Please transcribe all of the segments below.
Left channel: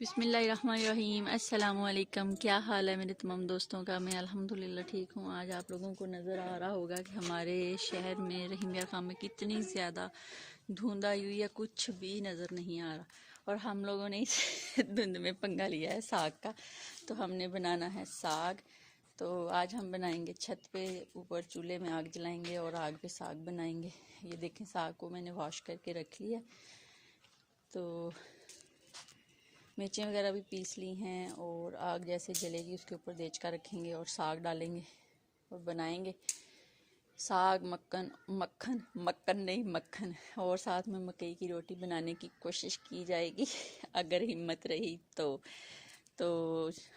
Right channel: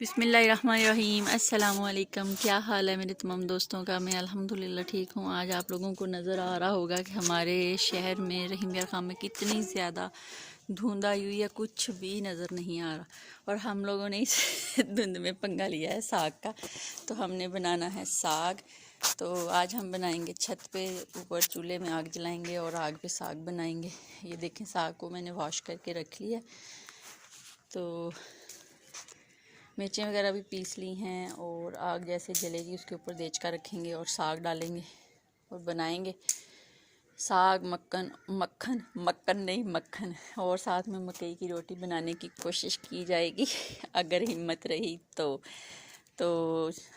बिस्मिल्लाहिर्रहमानिर्रहीम। अस्सलामुअलैकुम। क्या हाल है मेरे तमाम दोस्तों का? मैं अल्हम्दुलिल्लाह ठीक हूँ। आज आप लोगों को नज़र आ रहा होगा कि हमारे शहर में रहीमिया खां में कितनी ज़्यादा धुंध आई हुई है, कुछ भी नज़र नहीं आ रहा। और हम लोगों ने इस धुंध में पंगा लिया है साग का। तो हमने बनाना है साग। तो आज हम बनाएंगे छत पे, ऊपर चूल्हे में आग जलाएंगे और आग पे साग बनाएंगे। ये देखें, साग को मैंने वॉश करके रख लिया। तो मिर्चें वगैरह भी पीस ली हैं और आग जैसे जलेगी उसके ऊपर देचका रखेंगे और साग डालेंगे और बनाएंगे साग मक्खन नहीं मक्खन। और साथ में मकई की रोटी बनाने की कोशिश की जाएगी अगर हिम्मत रही तो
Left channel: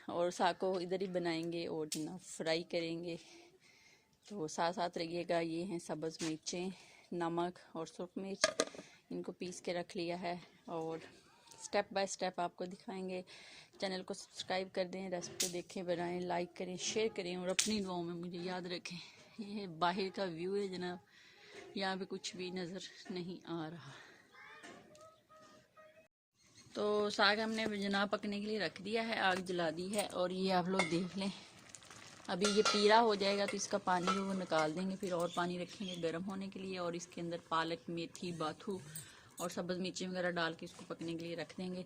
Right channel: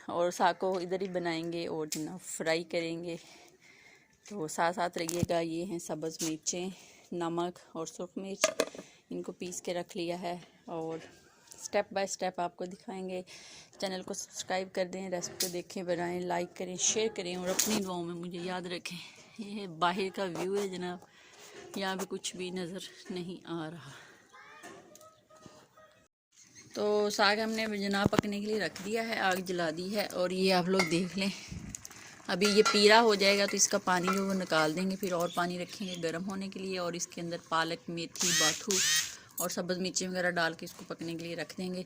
और साग को इधर ही बनाएंगे और जनाब फ्राई करेंगे। तो साथ साथ रहिएगा। ये हैं सब्ज़ मिर्चें, नमक और सुरख मिर्च, इनको पीस के रख लिया है और स्टेप बाय स्टेप आपको दिखाएंगे। चैनल को सब्सक्राइब कर दें, रेसिपी को देखें, बनाएं, लाइक करें, शेयर करें और अपनी दुआओं में मुझे याद रखें। ये बाहर का व्यू है जनाब, यहाँ पे कुछ भी नज़र नहीं आ रहा। तो साग हमने जनाब पकने के लिए रख दिया है, आग जला दी है और ये आप लोग देख लें। अभी ये पीला हो जाएगा तो इसका पानी जो वो निकाल देंगे, फिर और पानी रखेंगे गर्म होने के लिए और इसके अंदर पालक, मेथी, बाथू और सब्ज़ मिर्ची वगैरह डाल के इसको पकने के लिए रख देंगे।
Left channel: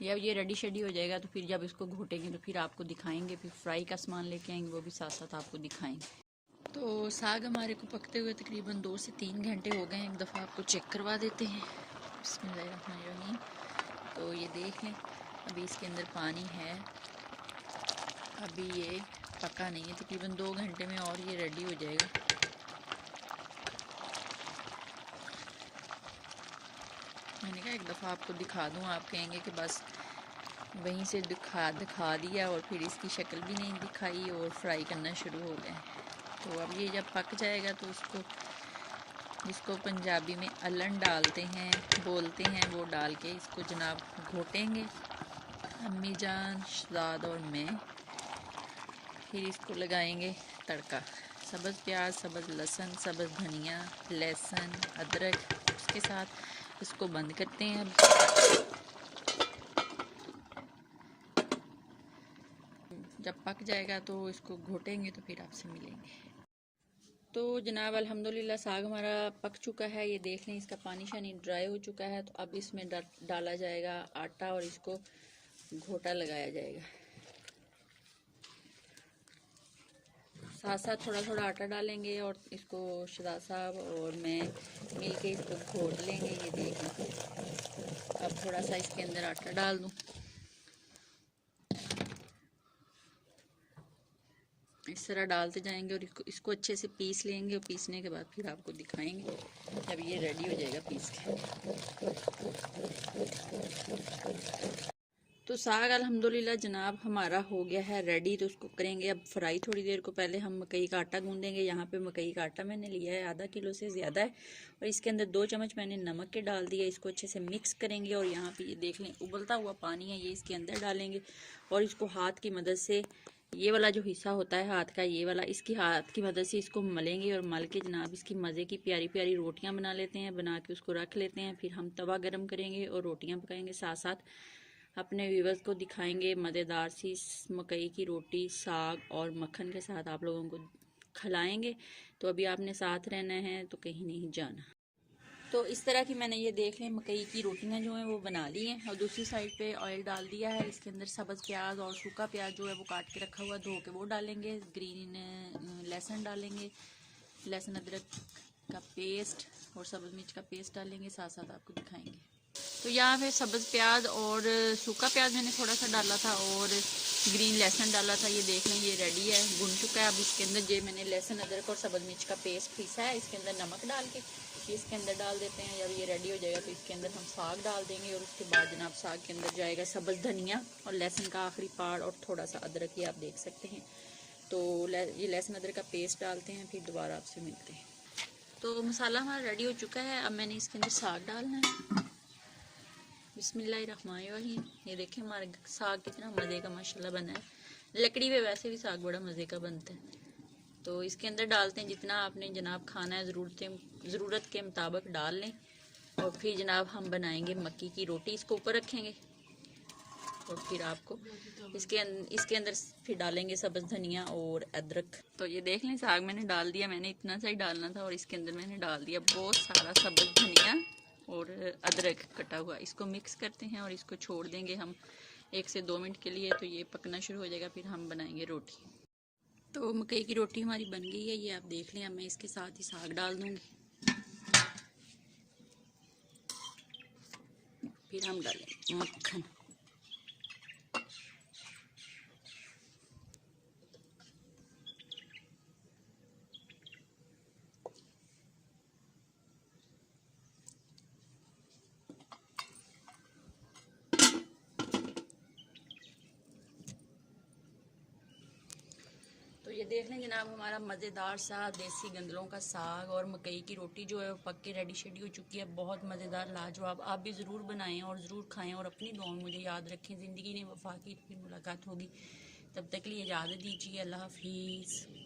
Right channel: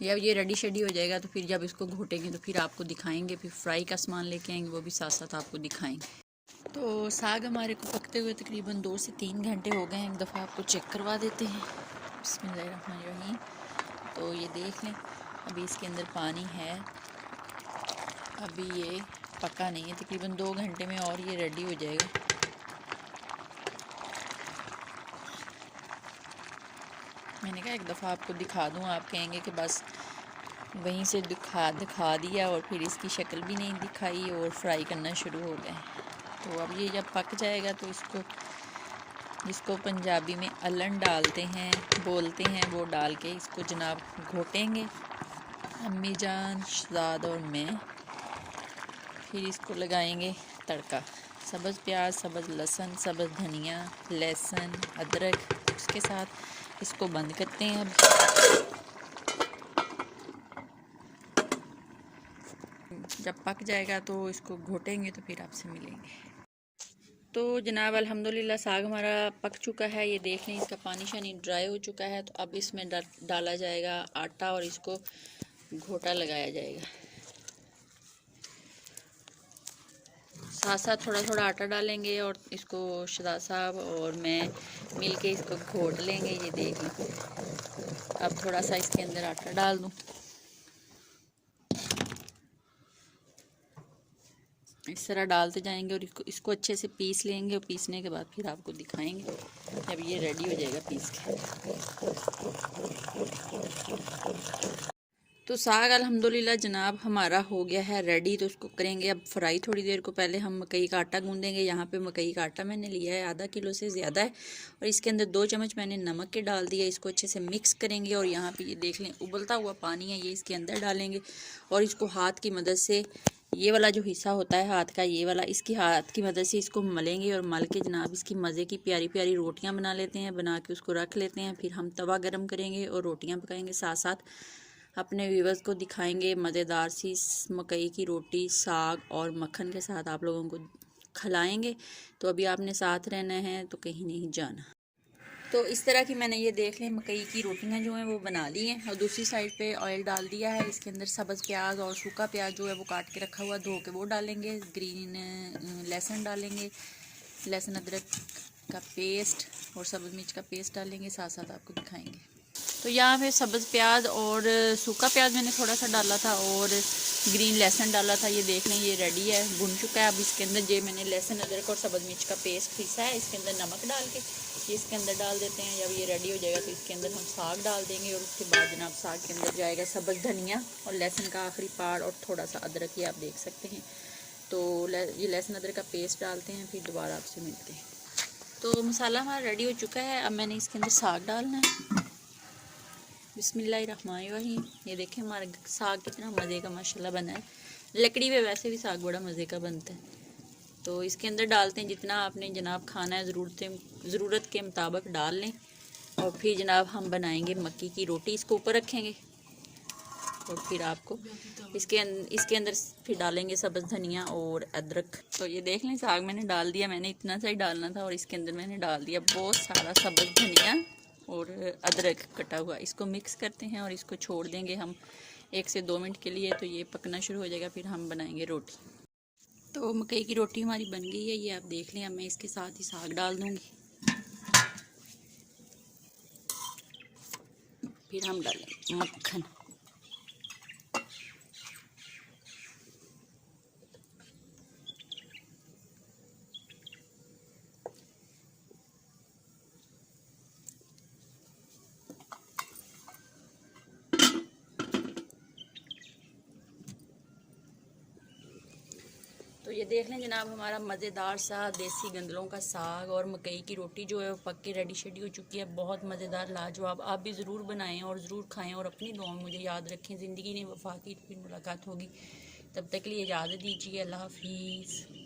जब ये रेडी शेडी हो जाएगा तो फिर जब इसको घोटेंगे तो फिर आपको दिखाएंगे। फिर फ्राई का सामान लेके आएंगे, वो भी साथ साथ आपको दिखाएंगे। तो साग हमारे को पकते हुए तकरीबन 2 से 3 घंटे हो गए हैं। एक दफ़ा आपको चेक करवा देते हैं। बिस्मिल्लाहिर्रहमानिर्रहीम। तो ये देख लें, अभी इसके अंदर पानी है, अभी ये पका नहीं है। तकरीबन 2 घंटे में और ये रेडी हो जाएगा। मैंने कहा एक दफ़ा आपको दिखा दूँ, आप कहेंगे कि बस वहीं से दिखा दिया और फिर इसकी शक्ल भी नहीं दिखाई और फ्राई करना शुरू हो गए। तो अब ये जब पक जाएगा तो इसको, जिसको पंजाबी में अलन डालते हैं बोलते हैं, वो डाल के इसको जनाब घोटेंगे अम्मी जान, शहजाद और मैं। फिर इसको लगाएंगे तड़का, सब्ज़ प्याज, सब्ज़ लहसुन, सब्ज़ धनिया, लहसुन, अदरक। उसके साथ इसको बंद करते हैं। अब जब पक जाएगा तो इसको घोटेंगे तो फिर आपसे मिलेंगे। तो जनाब अल्हम्दुलिल्लाह साग हमारा पक चुका है। ये देख लें, इसका पानी शानी ड्राई हो चुका है। तो अब इसमें डाला जाएगा आटा और इसको घोटा लगाया जाएगा। साथ साथ थोड़ा थोड़ा आटा डालेंगे और इसको शहजाद साहब और मैं मिल के इसको घोट लेंगे। ये देख लें, अब थोड़ा सा इसके अंदर आटा डाल दूँ। इस तरह डालते जाएंगे और इसको अच्छे से पीस लेंगे और पीसने के बाद फिर आपको दिखाएंगे जब ये रेडी हो जाएगा पीस के। तो साग अल्हम्दुलिल्लाह जनाब हमारा हो गया है रेडी। तो उसको करेंगे अब फ्राई। थोड़ी देर को पहले हम मकई का आटा गूंदेंगे। यहाँ पे मकई का आटा मैंने लिया है, आधा किलो से ज़्यादा है और इसके अंदर 2 चम्मच मैंने नमक के डाल दिया। इसको अच्छे से मिक्स करेंगे और यहाँ पे ये देख लें उबलता हुआ पानी है, ये इसके अंदर डालेंगे और इसको हाथ की मदद से, ये वाला जो हिस्सा होता है हाथ का, ये वाला, इसकी हाथ की मदद से इसको मलेंगे और मल के जनाब इसकी मज़े की प्यारी प्यारी रोटियां बना लेते हैं। बना के उसको रख लेते हैं। फिर हम तवा गरम करेंगे और रोटियां पकाएंगे। साथ साथ अपने व्यूवर्स को दिखाएंगे मज़ेदार सी मकई की रोटी साग और मक्खन के साथ आप लोगों को खिलाएंगे। तो अभी आपने साथ रहना है, तो कहीं नहीं जाना। तो इस तरह की मैंने ये देख लें मकई की रोटियां जो हैं वो बना ली हैं और दूसरी साइड पे ऑयल डाल दिया है। इसके अंदर सब्ज़ प्याज और सूखा प्याज जो है वो काट के रखा हुआ धो के वो डालेंगे। ग्रीन लहसुन डालेंगे, लहसुन अदरक का पेस्ट और सब्ज़ मिर्च का पेस्ट डालेंगे। साथ साथ आपको दिखाएंगे। तो यहाँ पे सब्ज़ प्याज और सूखा प्याज मैंने थोड़ा सा डाला था और ग्रीन लहसुन डाला था। ये देख लें ये रेडी है, भुन चुका है। अब इसके अंदर जो मैंने लहसुन अदरक और सब्ज़ मिर्च का पेस्ट पीसा है, इसके अंदर नमक डाल के ये इसके अंदर डाल देते हैं। जब ये रेडी हो जाएगा तो इसके अंदर हम साग डाल देंगे और उसके बाद जनाब साग के अंदर जाएगा सब्ज़ धनिया और लहसुन का आखिरी पार्ट और थोड़ा सा अदरक, ये आप देख सकते हैं। तो ये लहसुन अदरक का पेस्ट डालते हैं, फिर दोबारा आपसे मिलते हैं। तो मसाला हमारा रेडी हो चुका है। अब मैंने इसके अंदर साग डालना है। बिस्मिल्लाहिर्रहमानिर्रहीम। ये देखें हमारा साग कितना मज़े का माशाल्लाह बना है। लकड़ी पे वैसे भी साग बड़ा मज़े का बनता है। तो इसके अंदर डालते हैं जितना आपने जनाब खाना है, ज़रूरत के मुताबिक डाल लें और फिर जनाब हम बनाएंगे मक्की की रोटी। इसको ऊपर रखेंगे और फिर आपको इसके अंदर फिर डालेंगे सब्ज़ धनिया और अदरक। तो ये देख लें साग मैंने डाल दिया, मैंने इतना सा ही डालना था और इसके अंदर मैंने डाल दिया बहुत सारा सब्ज़ धनिया और अदरक कटा हुआ। इसको मिक्स करते हैं और इसको छोड़ देंगे हम 1 से 2 मिनट के लिए। तो ये पकना शुरू हो जाएगा, फिर हम बनाएंगे रोटी। तो मकई की रोटी हमारी बन गई है, ये आप देख लें। अब मैं इसके साथ ही साग डाल दूँगी, फिर हम डालेंगे मक्खन। तो ये देख लें जनाब, हमारा मज़ेदार सा देसी गंदलों का साग और मकई की रोटी जो है वो पक के रेडी शेडी हो चुकी है। बहुत मज़ेदार, लाजवाब। आप भी ज़रूर बनाएं और ज़रूर खाएं और अपनी दुआ में मुझे याद रखें। ज़िंदगी ने वफा की, तो फिर मुलाकात होगी। तब तक के लिए इजाज़त दीजिए। अल्लाह हाफिज़।